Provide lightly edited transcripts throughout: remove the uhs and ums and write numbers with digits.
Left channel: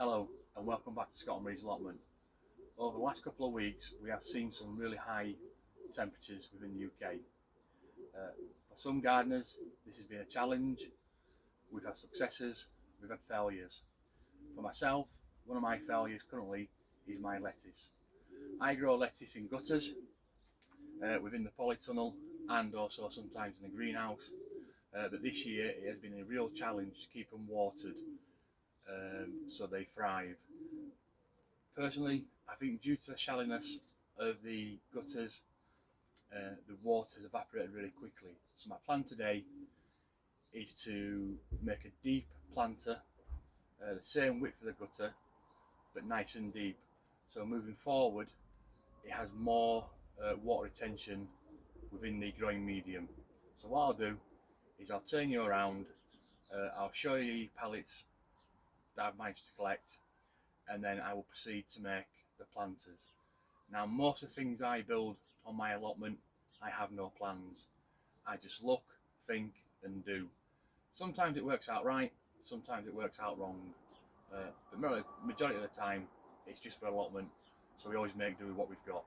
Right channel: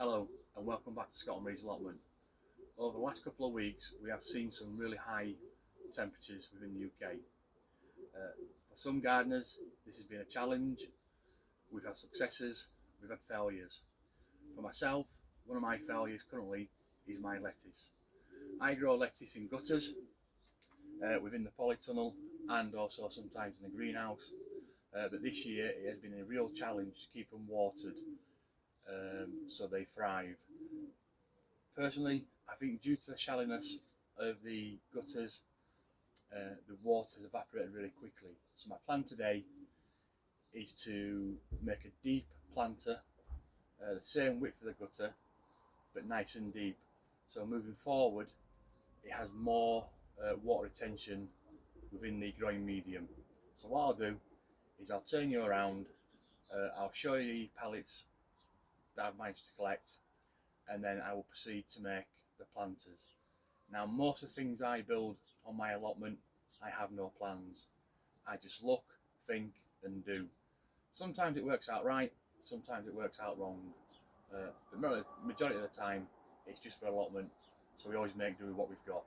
Hello and welcome back to Scotland Breed's Allotment. Over the last couple of weeks we have seen some really high temperatures within the UK. For some gardeners this has been a challenge. We've had successes, we've had failures. For myself, one of my failures currently is my lettuce. I grow lettuce in gutters, within the polytunnel and also sometimes in the greenhouse. But this year it has been a real challenge to keep them watered so they thrive. Personally, I think due to the shallowness of the gutters, the water has evaporated really quickly. So my plan today is to make a deep planter, the same width of the gutter, but nice and deep. So moving forward, it has more water retention within the growing medium. So what I'll do is I'll turn you around, I'll show you the pallets that I've managed to collect, and then I will proceed to make the planters. Now, most of the things I build on my allotment, I have no plans. I just look, think and do. Sometimes it works out right, sometimes it works out wrong, but majority of the time it's just for allotment, so we always make do with what we've got.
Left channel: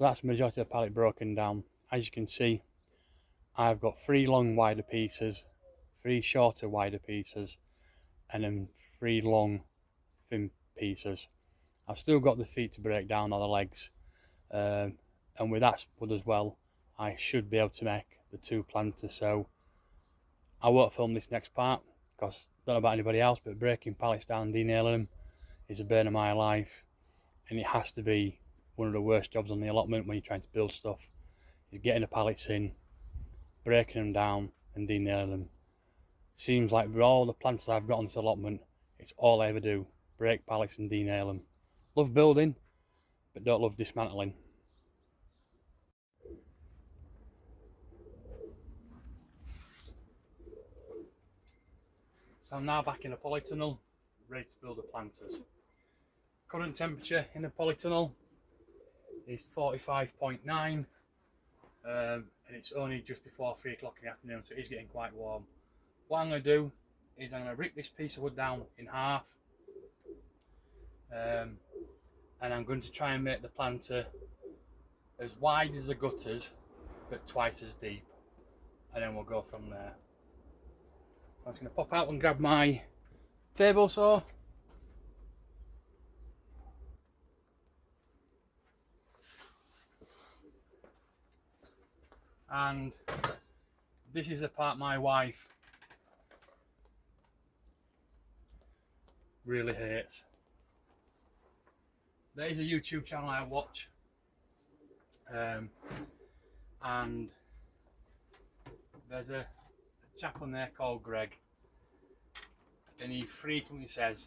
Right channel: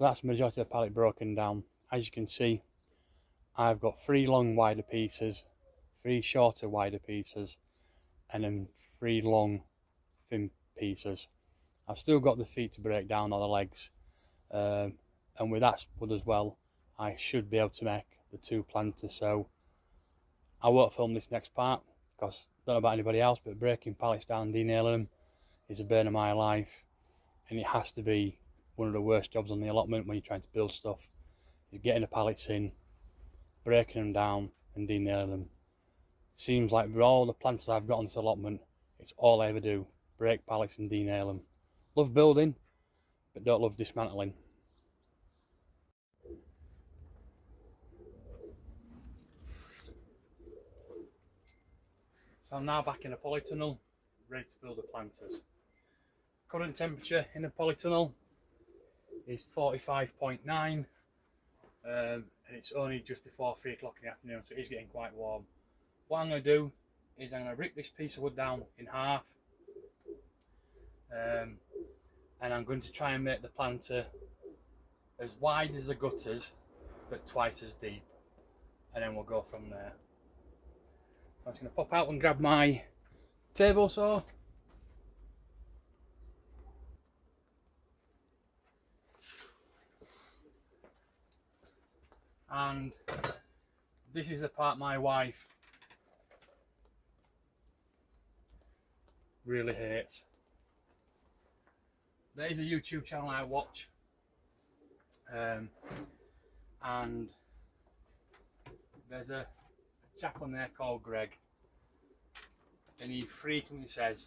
So that's the majority of the pallet broken down. As you can see, I've got 3 long wider pieces, 3 shorter wider pieces, and then 3 long thin pieces. I've still got the feet to break down, or the legs, and with that wood as well, I should be able to make the 2 planters. So I won't film this next part because I don't know about anybody else, but breaking pallets down, denailing them is a burn of my life, and it has to be one of the worst jobs on the allotment when you're trying to build stuff, is getting the pallets in, breaking them down and denailing them. Seems like with all the planters I've got on this allotment, it's all I ever do, break pallets and denail them. Love building, but don't love dismantling. So I'm now back in a polytunnel, ready to build the planters. Current temperature in the polytunnel is 45.9, and it's only just before 3 o'clock in the afternoon, so it is getting quite warm. What I'm going to do is I'm going to rip this piece of wood down in half, and I'm going to try and make the planter as wide as the gutters but twice as deep, and then we'll go from there. I'm just going to pop out and grab my table saw. And this is the part my wife really hates. There is a YouTube channel I watch, and there's a chap on there called Greg, and he frequently says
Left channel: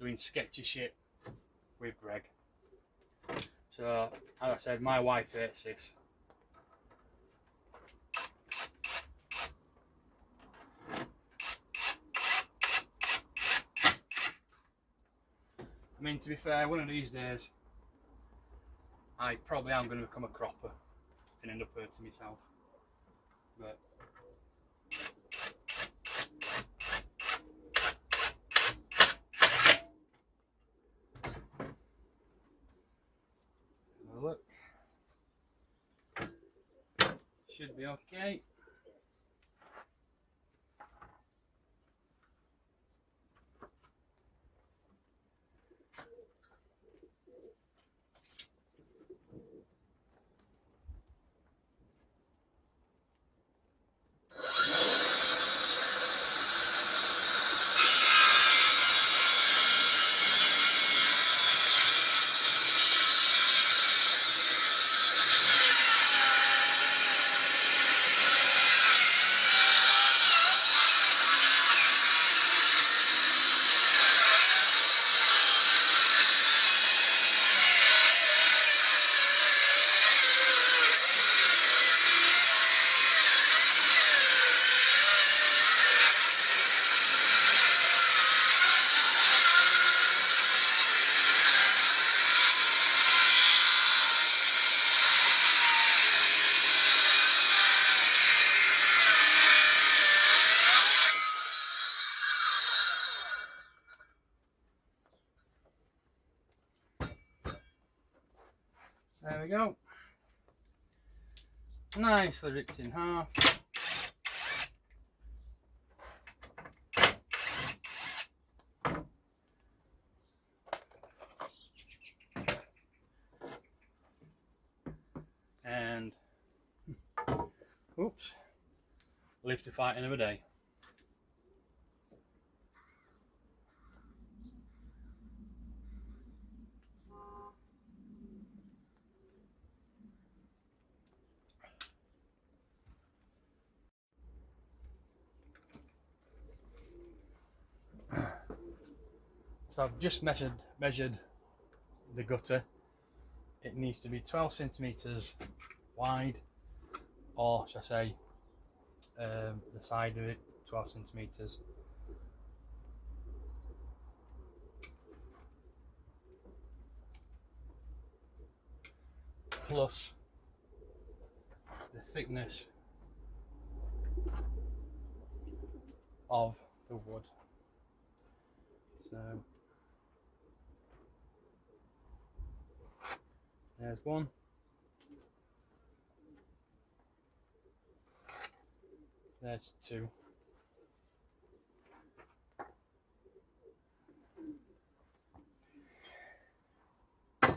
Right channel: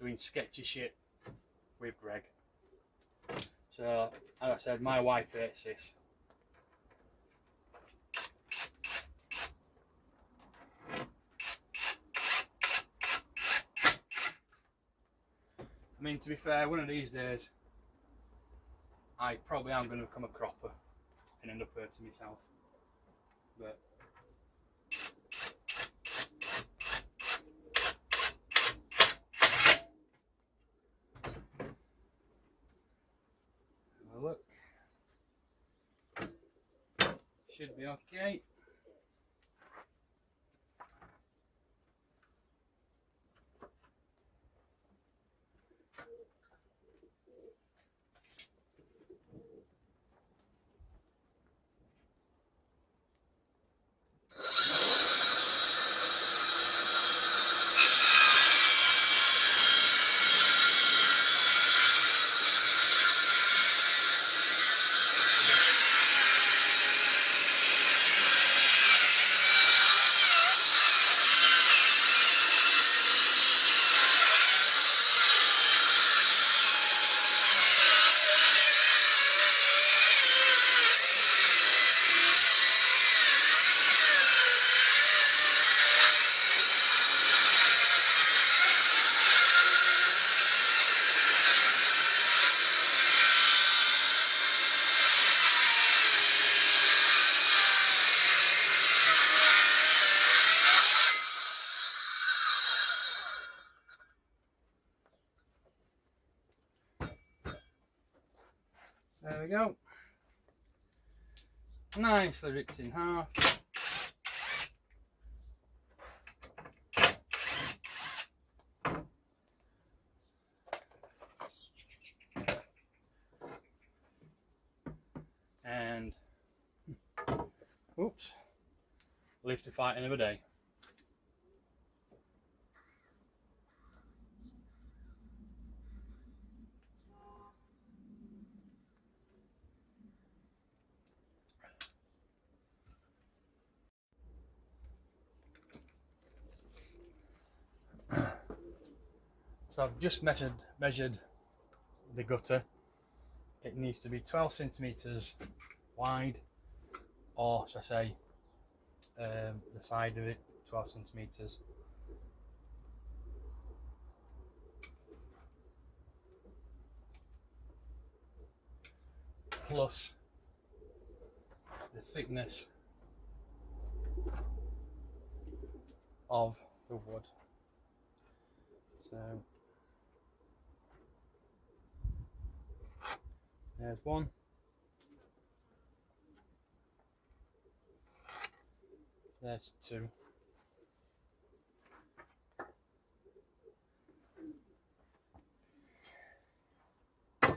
doing sketchy shit with Greg. So as I said, my wife hates this. I mean, to be fair, one of these days I probably am going to become a cropper and end up hurting myself, but have a look, should be okay. There we go. Nicely ripped in half. And oops, live to fight another day. So I've just measured the gutter. It needs to be 12 centimeters wide, or should I say the side of it 12 centimeters. Plus the thickness of the wood. So There's one. There's two. That's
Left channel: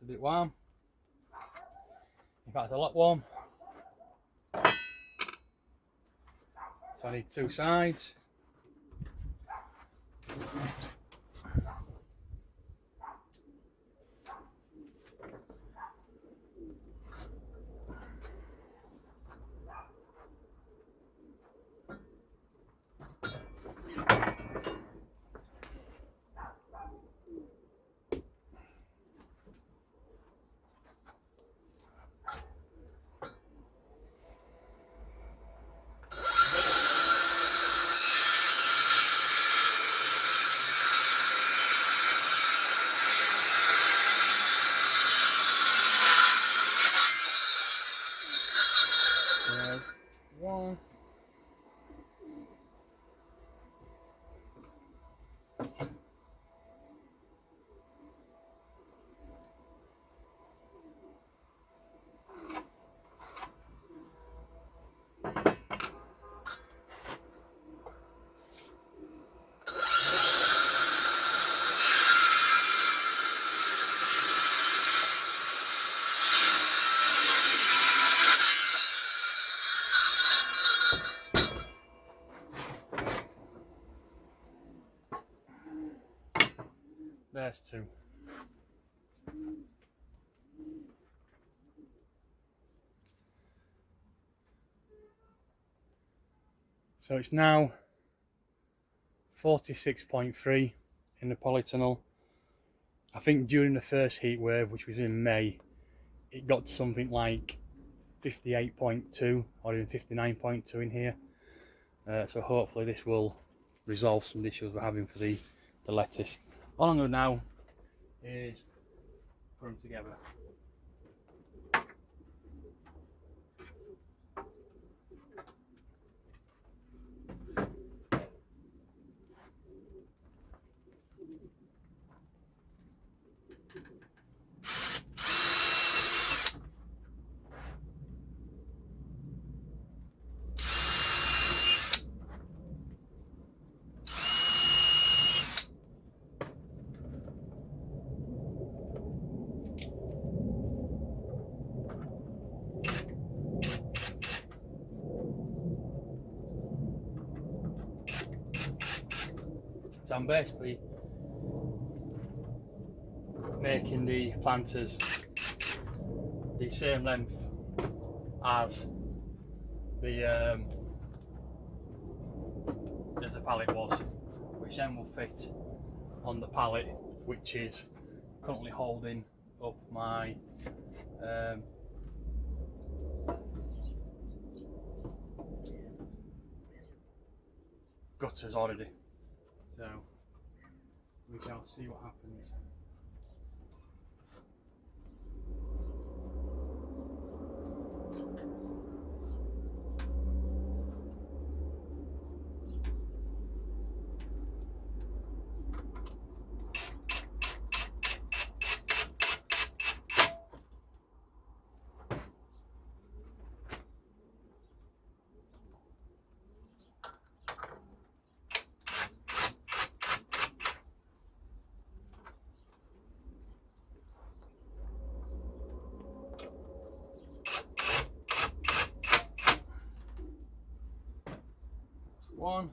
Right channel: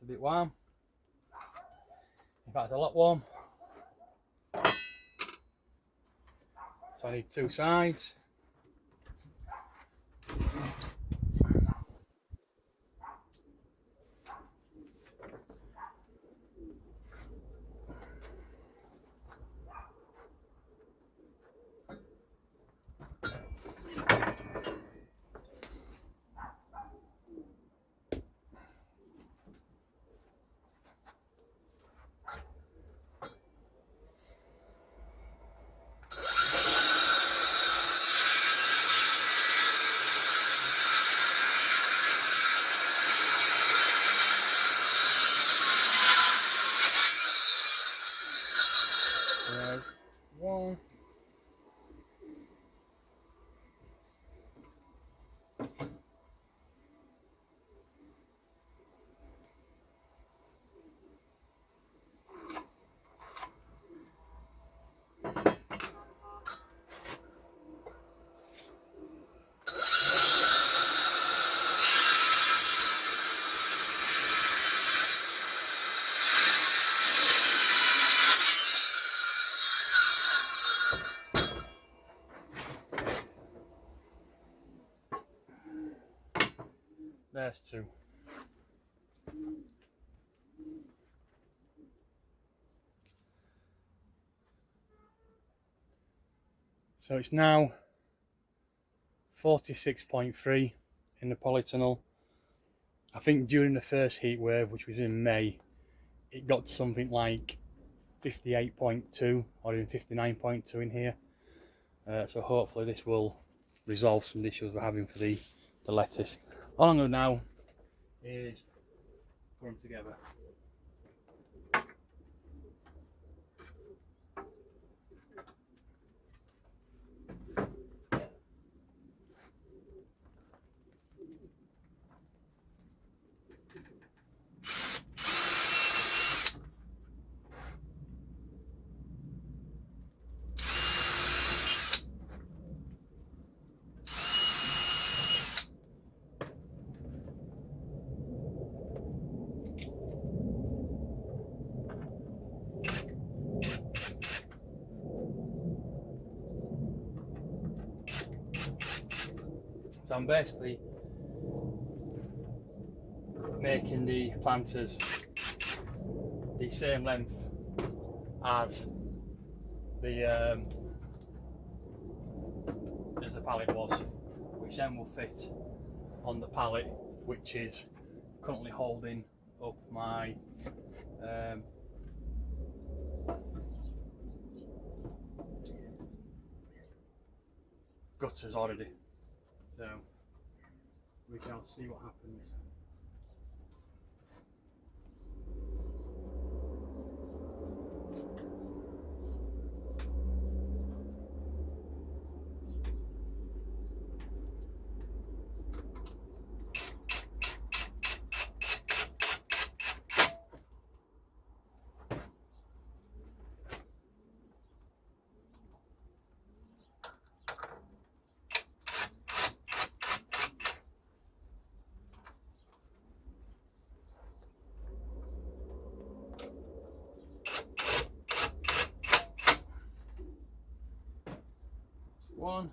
a bit warm. In fact, a lot warm. So I need two sides. There's one. There's two. So it's now 46.3 in the polytunnel. I think during the first heat wave, which was in May, it got to something like 58.2 or even 59.2 in here. So hopefully this will resolve some issues we're having for the lettuce. All I'm going to do now is put them together. So I'm basically making the planters the same length as the pallet was, which then will fit on the pallet, which is currently holding up my gutters already. So we shall see what happens. One.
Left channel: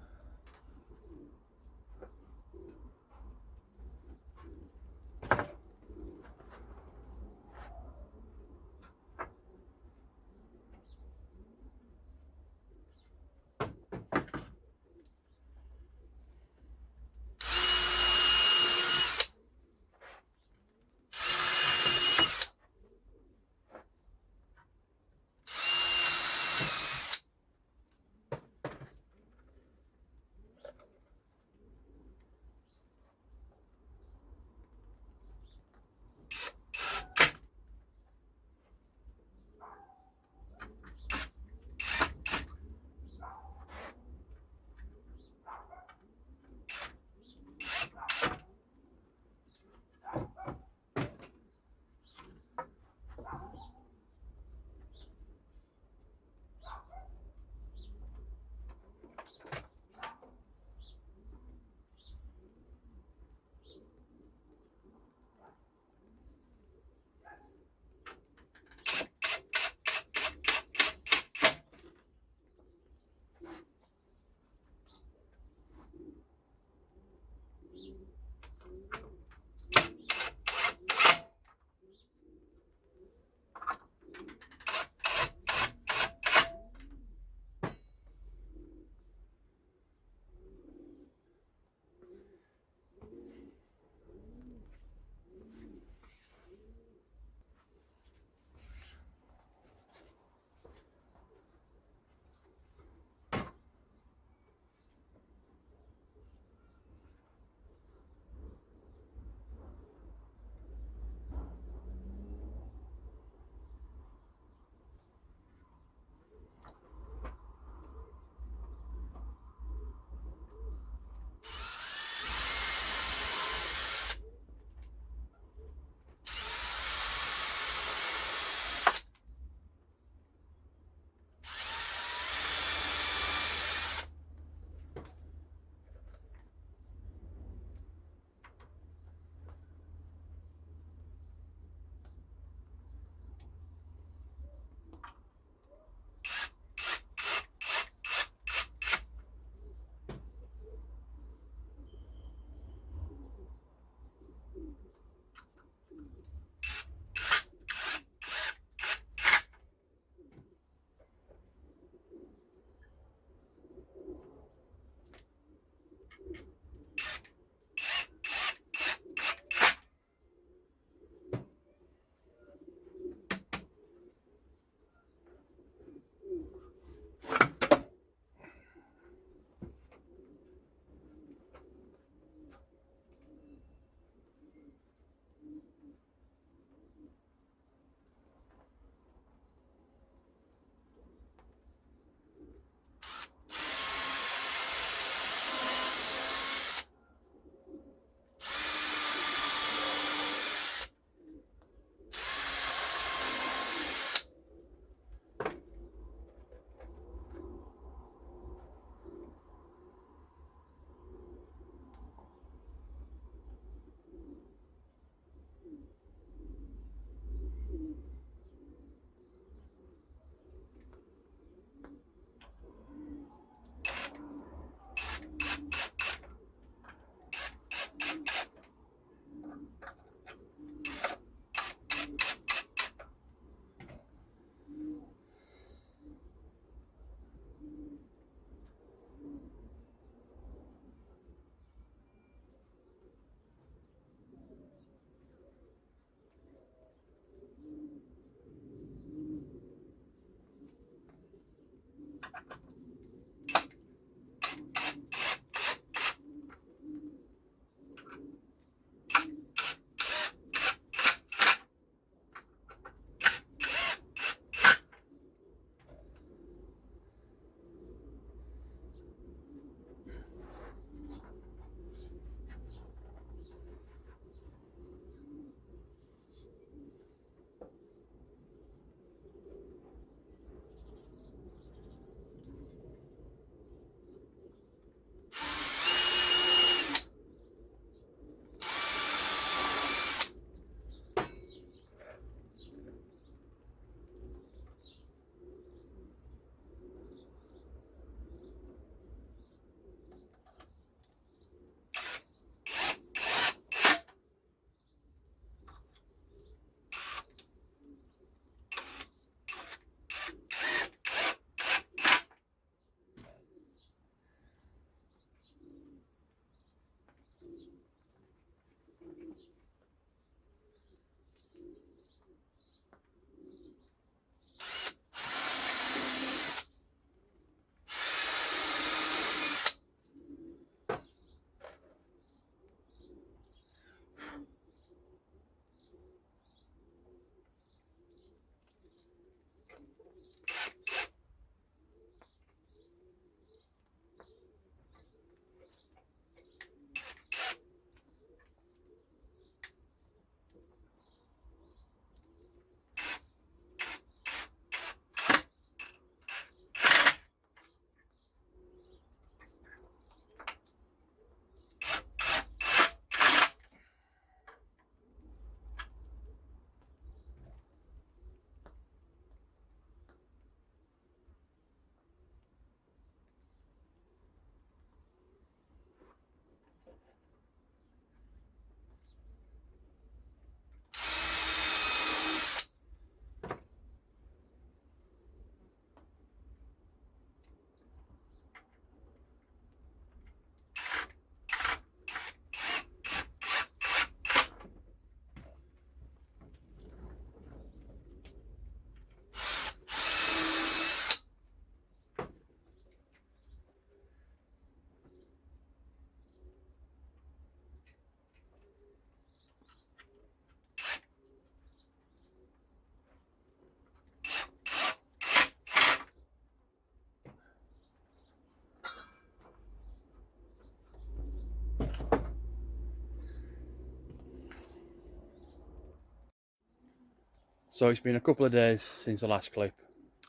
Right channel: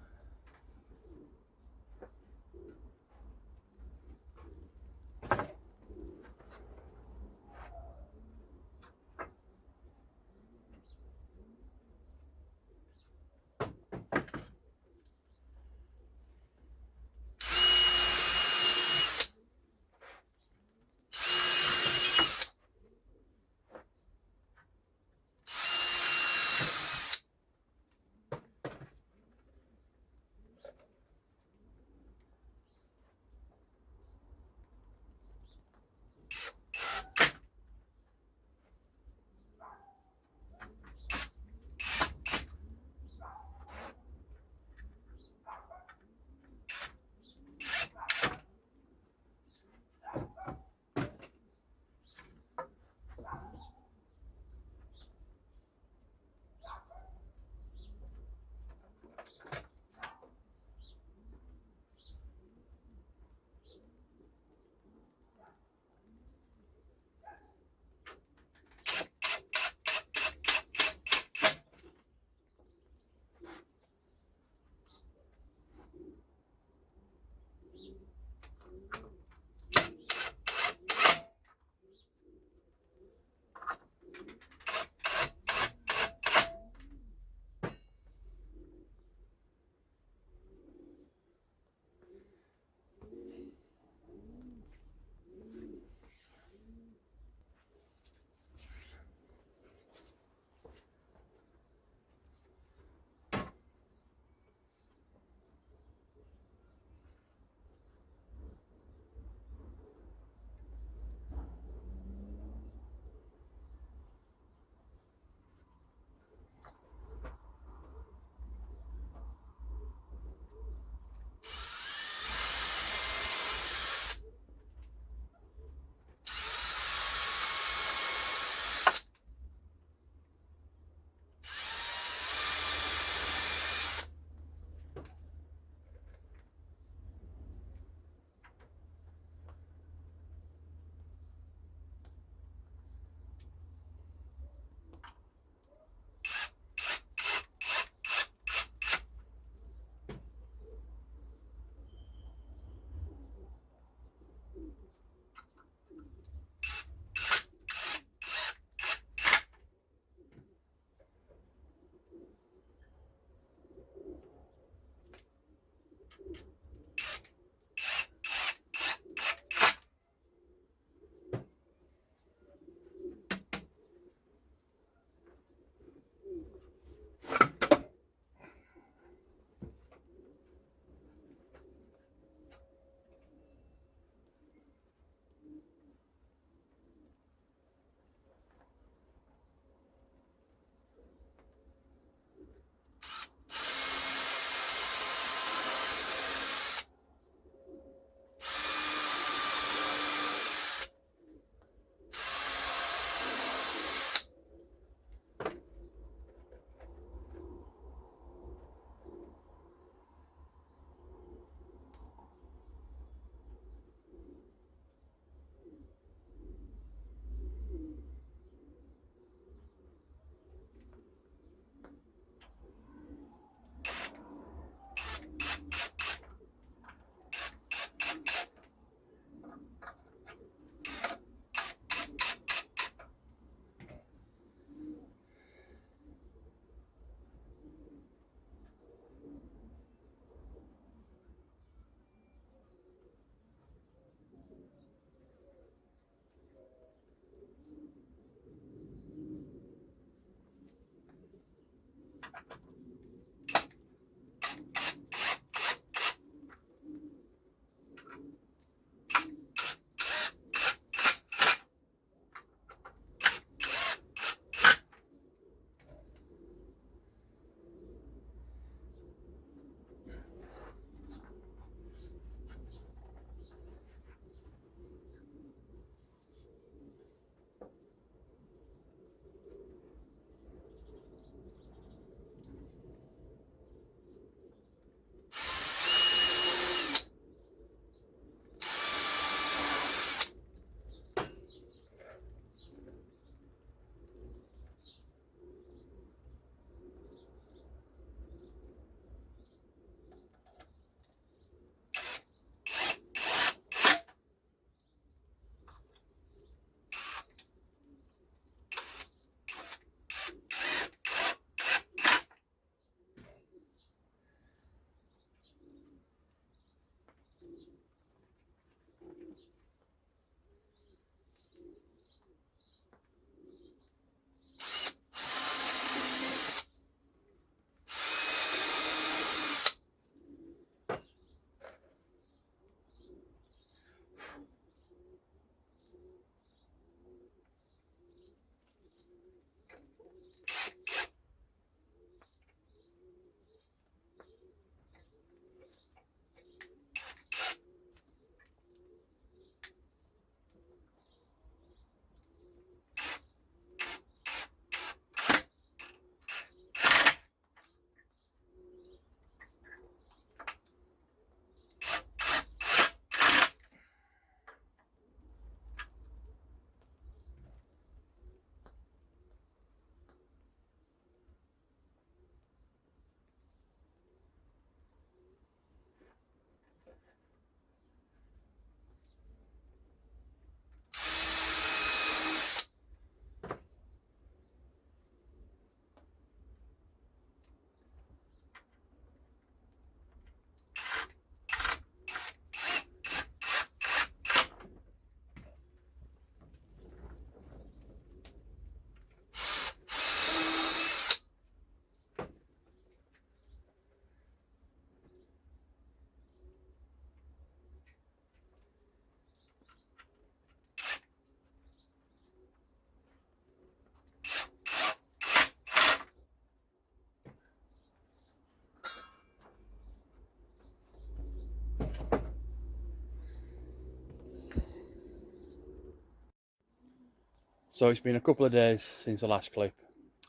So it's been a couple of days since the last clip.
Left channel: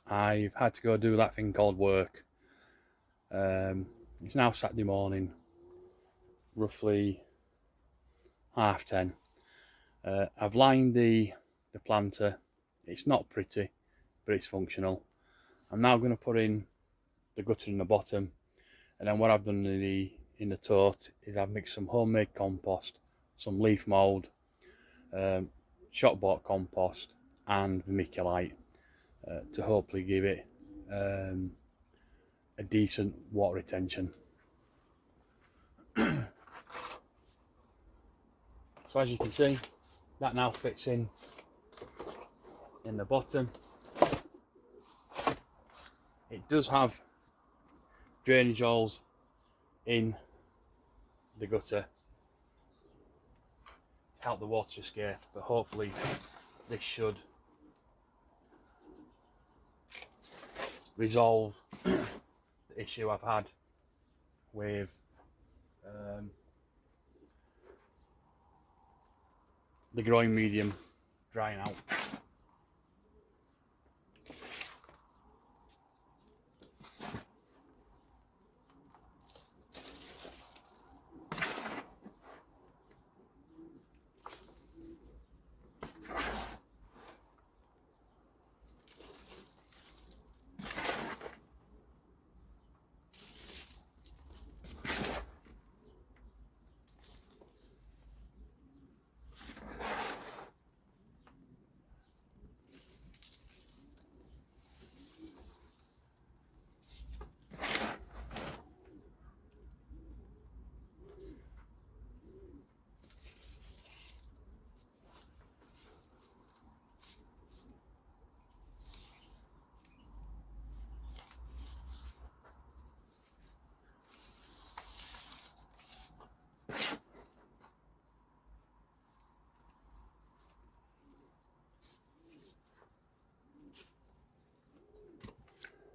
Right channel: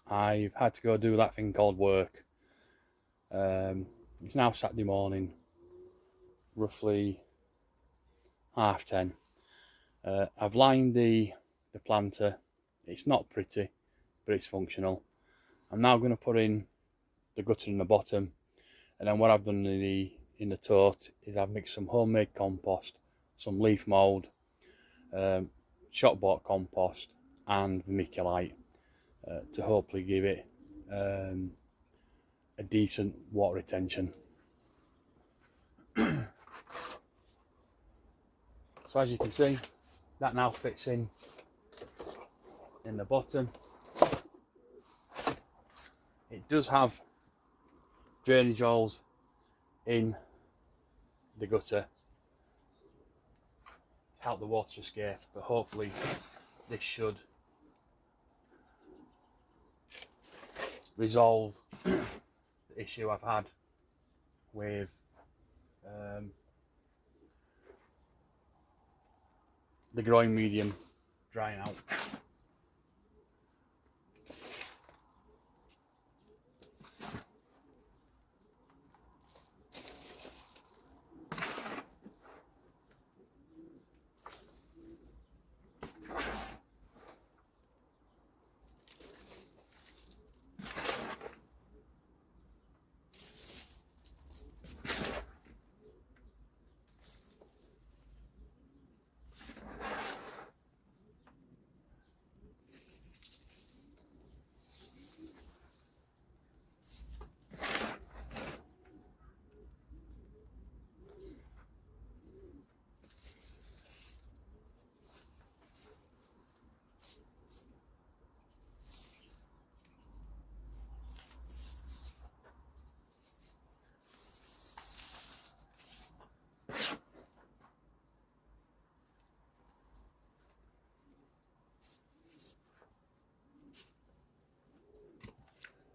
I've had to go do that thing called work. It's now Saturday morning, roughly 10:30. I've lined the planter. It's not pretty, but it's functional. I'm now going to put in the gutter in the bottom, and then what I've done in the tote is I've mixed some homemade compost, some leaf mould, shop bought compost, and vermiculite to hopefully give it a decent water retention. So as you can see, that now fits in the bottom. It does have drainage holes in the gutter to help the water escape, but hopefully this should resolve the issue I've had with the growing medium drying out.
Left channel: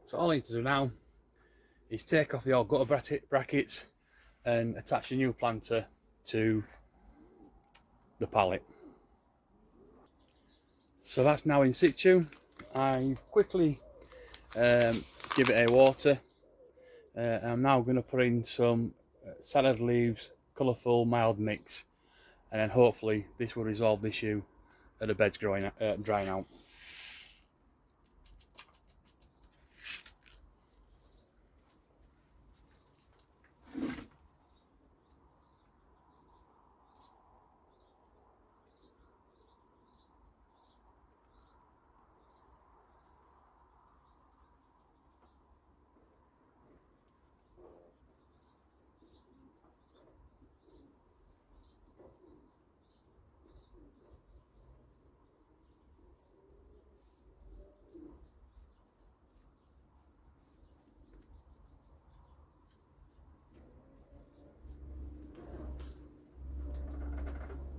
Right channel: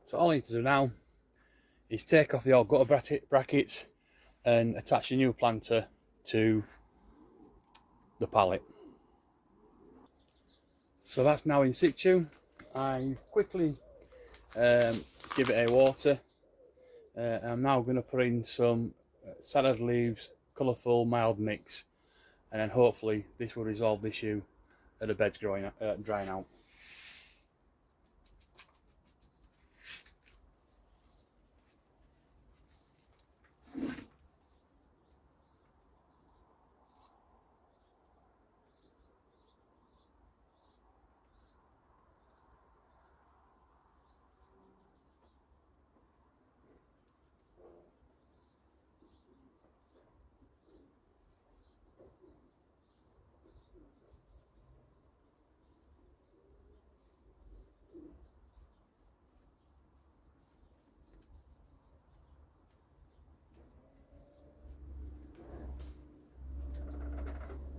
So all I need to do now is take off the old gutter brackets and attach a new planter to the pallet. So that's now in situ. I quickly give it a water. I'm now going to put in some salad leaves, colourful mild mix, and then hopefully this will resolve the issue of the beds drying out.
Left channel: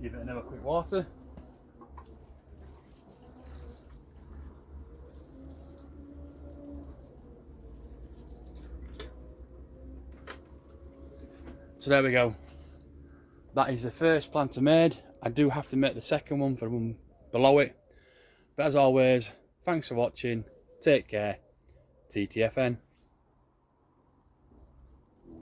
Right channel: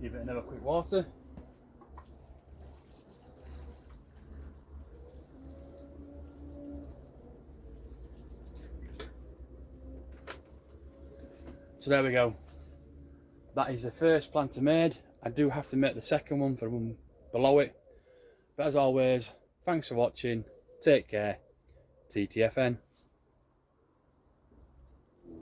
Give it another quick water. So there we go. That is the first planter made. I do have to make the second one for the one below it. But as always, thanks for watching. Take care. TTFN.